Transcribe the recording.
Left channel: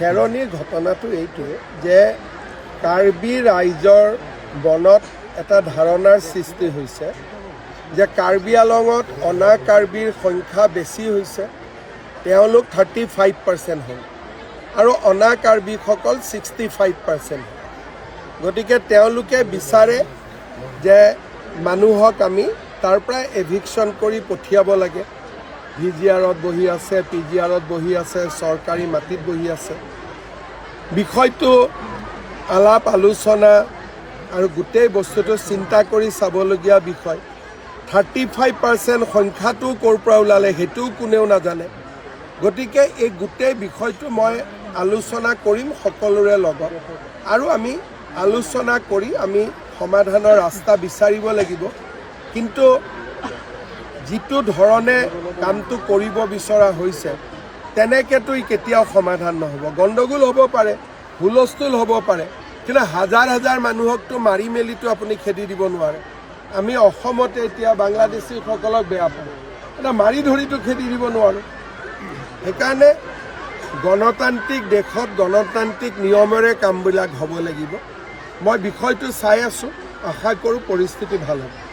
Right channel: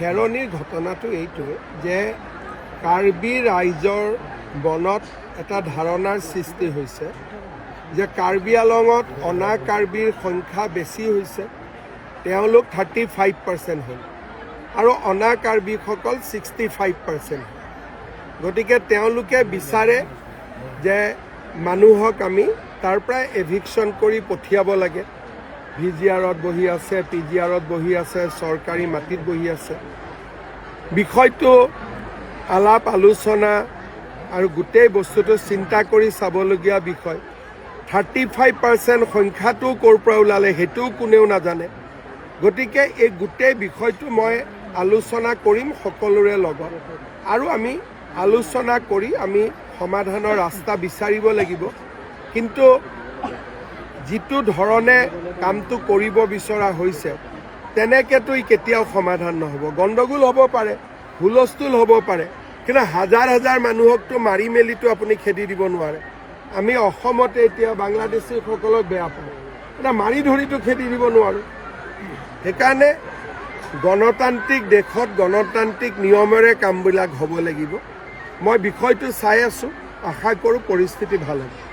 খেৰণিৰ ঘটনাটো এইটোৱে যে কাৰ্বি ৰাইজৰ মনত এটা ধাৰণাৰ সৃষ্টি হৈছে যে কাৰ্বি আলঙত অনা কাৰ্বিৰ সংখ্যা বেছি হৈছে, তেওঁলোক 35% হ'ল আৰু অনা কাৰ্বিসকল 65% হ'ল। গতিকে তেওঁলোকে বিচাৰে যে মানুহক আমি তাৰ পৰা এভিকশ্যন কৰি পঠিয়াব লাগে। VGRত বহি আছে, PGRত বহি আছে, চৰকাৰী মাটিত বহি আছে। বিষয়টো আলাপ আলোচনা আৰু গোটেই বস্তুটো চিন্তা কৰি চাবলগীয়া বিষয়। 35% সংখ্যাটো ক'ৰ পৰা ওলালে সেইটোও কোনেও নাজানে। গতিকে এই গোটেই বিষয়টো মই আলোচনা কৰিম সকলোৰে লগত আৰু আমি আলোচনা কৰি আমি সমাধানৰ ৰাস্তা বিচাৰিব লাগিব। কিন্তু যিটো ধৰণে কামটো কৰিব বিচৰা হৈছে তেনেকৈতো কেতিয়াও সমাধান নহ'ব। গণ্ডগোল হ'ব পাৰে, হুলস্থুল হ'ব পাৰে, কিন্তু হাজাৰ হাজাৰ মানুহকতো মাৰি মেলিতো আপুনি খেদি দিব নোৱাৰে। আমি অসমতে এতিয়া বাংলাদেশীসকলক বেয়া পাওঁ, এটা মাৰি ধৰিতো খেদি দিব নোৱাৰোঁ। সেইকাৰণে গণতান্ত্ৰিক দেশত গণতান্ত্ৰিক নিয়মেৰে কামবিলাক হ'ব লাগিব। মই বিষয়টো চাই আছোঁ, আশা কৰোঁ পৰিস্থিতি ভাল হ'ব।